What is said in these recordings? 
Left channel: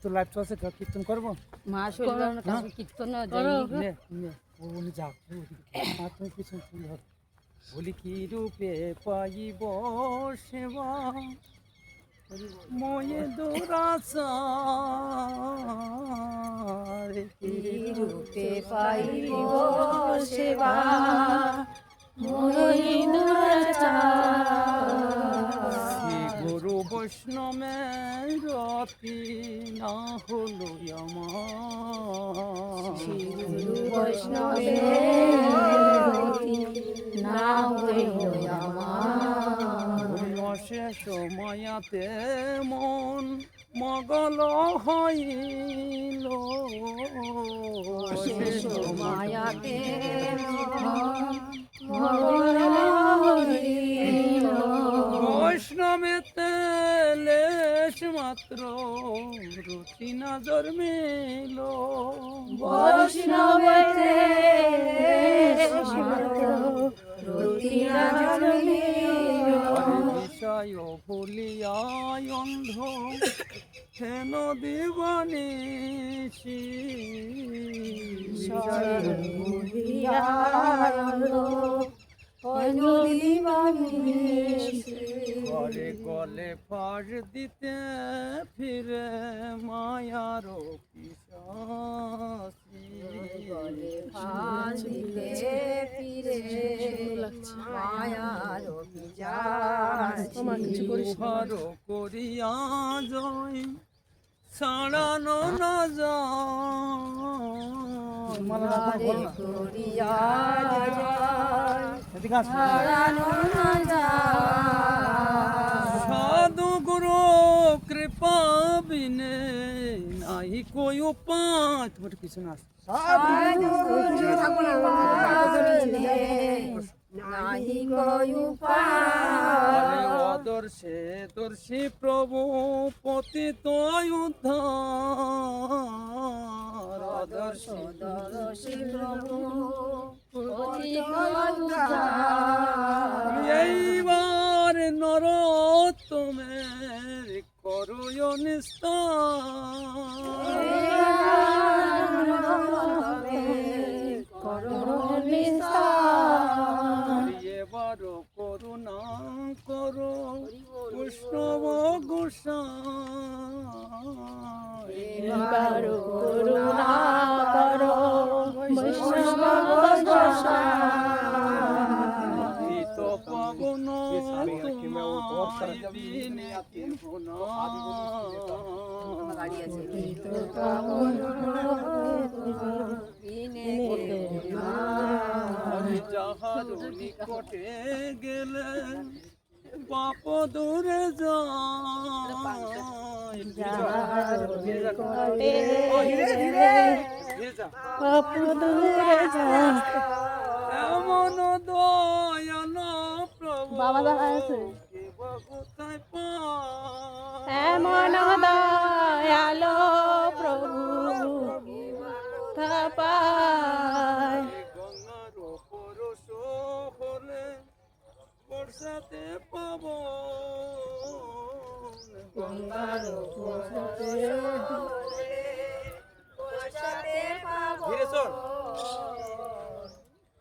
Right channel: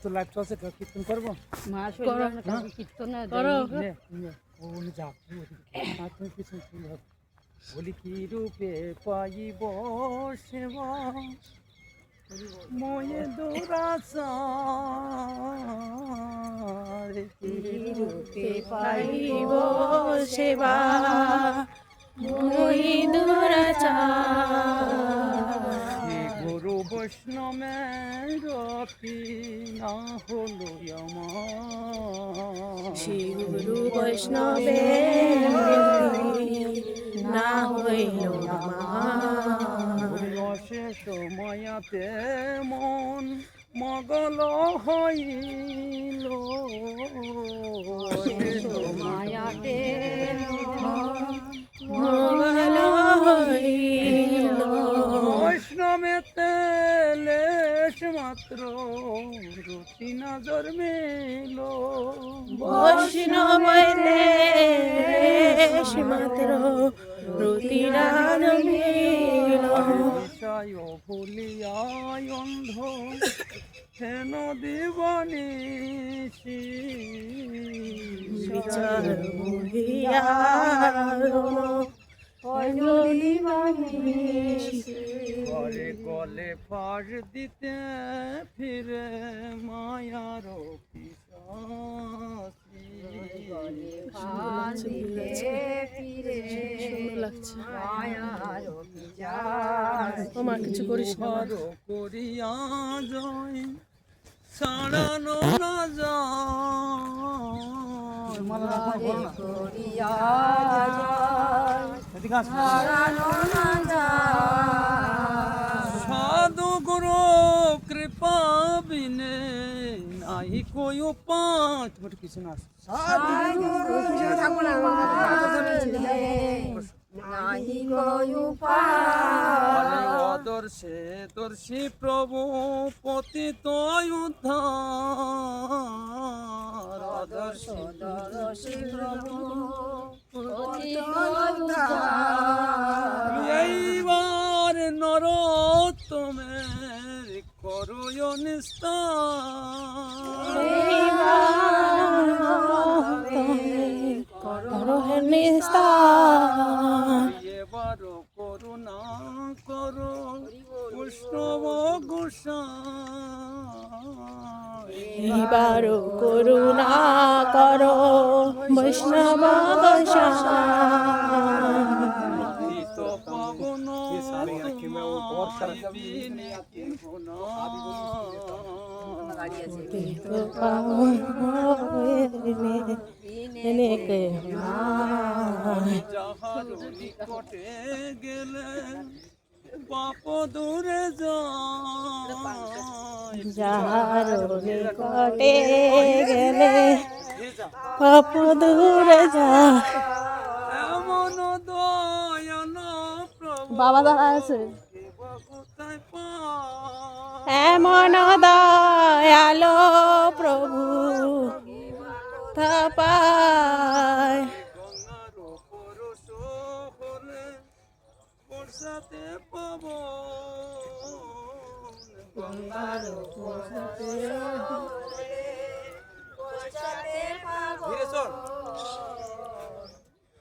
তো লাইভ চলছে, কীর্তন করবো। কীর্তন যাও তুমি পিছন বলি কি রূপে পাইব সেবা ময়ে দৌড়াচার, কি রূপে পাইব সেবা ময়ে দৌড়াচার, গুরু বৈষ্ণবের রতি না হলো আমার, গুরু বৈষ্ণবের না হইল আমার, শেষ মায়াতে মন মগল হইল, শেষ মায়াতে মগল হইল, বৈষ্ণবেতে লেশ মাত্র রুচি না জন্মিল, বৈষ্ণবেতে লেশ মাত্র রুচি না জন্মিল, বিষয় ভুলিয়ায় অন্ধ হেন দিবানিশি, ঘরে গলে ফাঁস দিতে ফিরে মায়ার পিশাচি, হার করিয়া জয় ছাড়ানো না সাধু গুরু কৃপা বিনে নাই কই উপায়। তোমার কিছু না অদর্শে দর্শী প্রভু পতিত উদ্ধার, দর্শী প্রভু এইবার নর তোমের করয় নিস্তার, এবার করুণা করো বৈষ্ণব গোসাই, এবার করুণা করো বৈষ্ণব গোসাই, তো পাবন তোমায় বিনে কেহ না, যাহার নিকটে গেলে পাপ দূরে যায়, যাহার নিকটে গেলে পাপ দূরে যায়, এমন দয়াল প্রভু বাবা দাঁড়া আছে, কোথায় পায়, এমন দয়ালো প্রভু পায়, গঙ্গার পরশ হলে বর্ষাতে পাব, গঙ্গার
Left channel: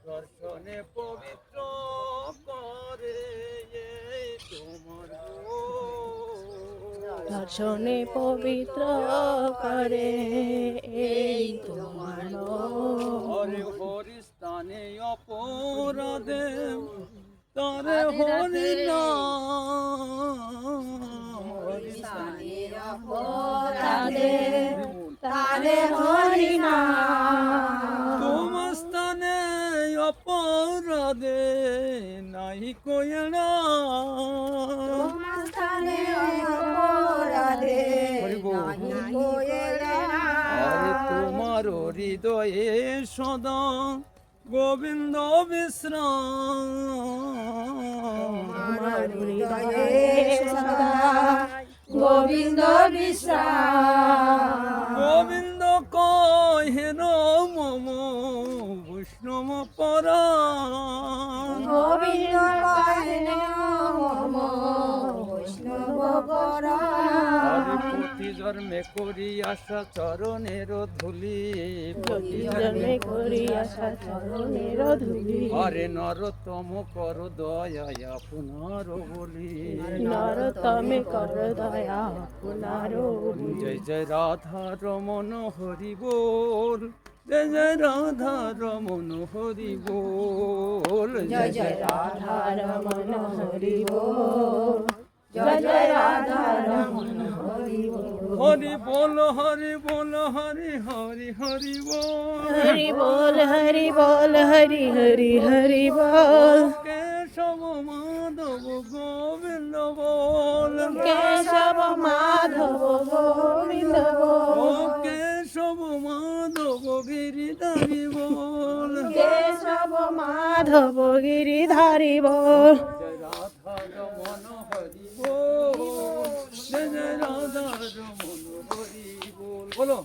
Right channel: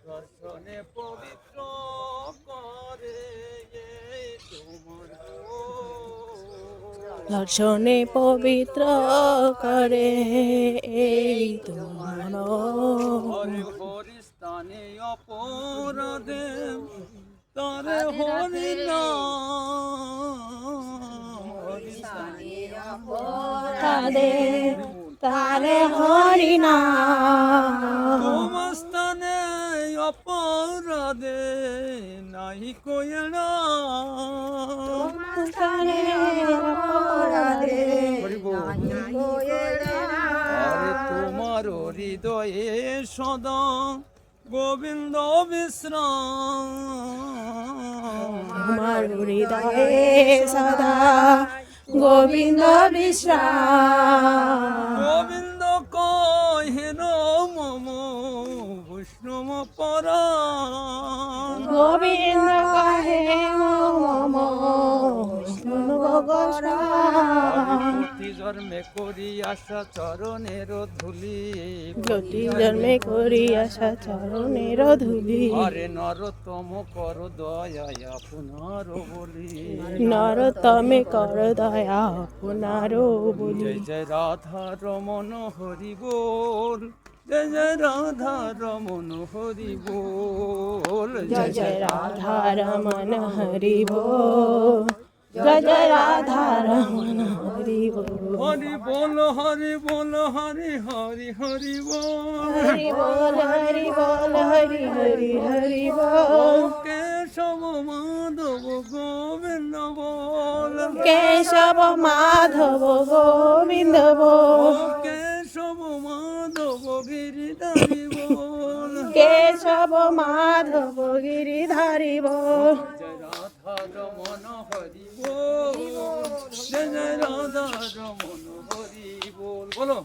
দর্শনে পবিত্র করে তোমার দর্শনে পবিত্র করে এই তোমার হরে হরি স্থানে অপরাধে তারে হরি নাম, হরি স্থানে তারে হরি নাম, তোমার স্থানে অপরাধে নাই কয়না, আরে তোমার হৃদয়ে সদা গোবিন্দ বিশ্রাম, আমার হৃদয়ে সদা গোবিন্দ বিশ্রাম, গোবিন্দ কহেন মম বৈষ্ণব পরাণ, গোবিন্দ কহে মম বৈষ্ণব আরে প্রতি জন্মে করি আশা চরণের ধুলি, প্রতি জন্মে করি আশা চরণের ধুলি, আরে নরতম কর দয়া আপনার বলি, নরতমে কর দয়া আপনার বলি। জয় জয় রাধা রমন হরি বল, জয় জয় রাধা রমন হরি বল, জয় জয় রাধা রমন হরি বল, জয় জয় রাধা রমন হরি বল। হরি বল হরি বল হরি হরি হরি বল, হরি বল হরি বল হরি হরি হরি বল। কেশব মাধব গোবিন্দ বল, কেশব মাধব গোবিন্দ বল, কেশব মাধব গিরিধারি বল, কেশব মাধব গিরিধারি বল। জয় রাধা রমন হরি বল, জয় জয় রাধা রমন হরি বল। বলো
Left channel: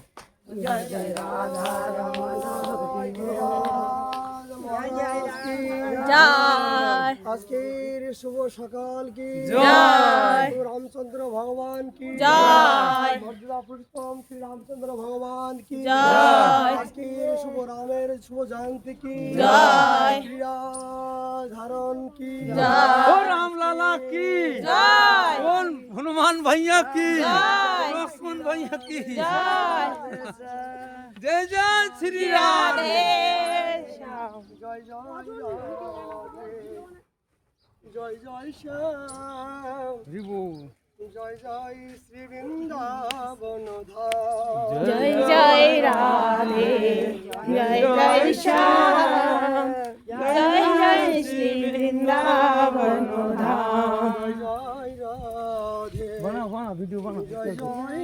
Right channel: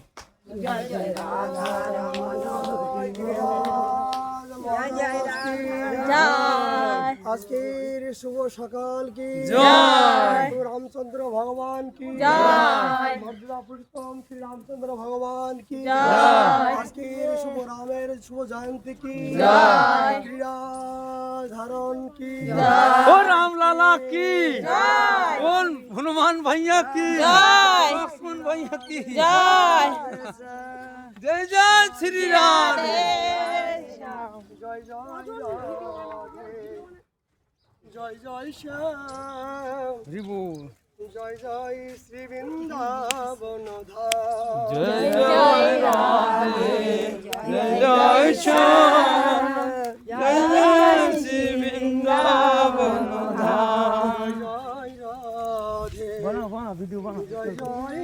জয় আজকের শুভ সকাল কি জয়। প্রভু রামচন্দ্র ভগবান কি জয়। মর্যাদা পুরুষোত্তম শ্রী রামচন্দ্র ভগবান কি জয়। আজকের শুভ রামের শুভ জয়ন্তী কি জয়। ক্রীড়া ধারণ কি ও রামলালা কি জয়। बोल हनुमान भैया की जय। लक्ष्मण भैया की জয় जय जय श्री राम। রাধে শ্যাম। জয় জয় রাধে, জয় জয় শ্যাম, हरि बोल। জয় জয় শ্রী বৃন্দাবন ধাম। জয় জয় রাধে, জয় জয় শ্যাম, জয় জয় শ্রী বৃন্দাবন ধাম। জয় জয় রাধে, बना बना वीडियो बना জয় জয়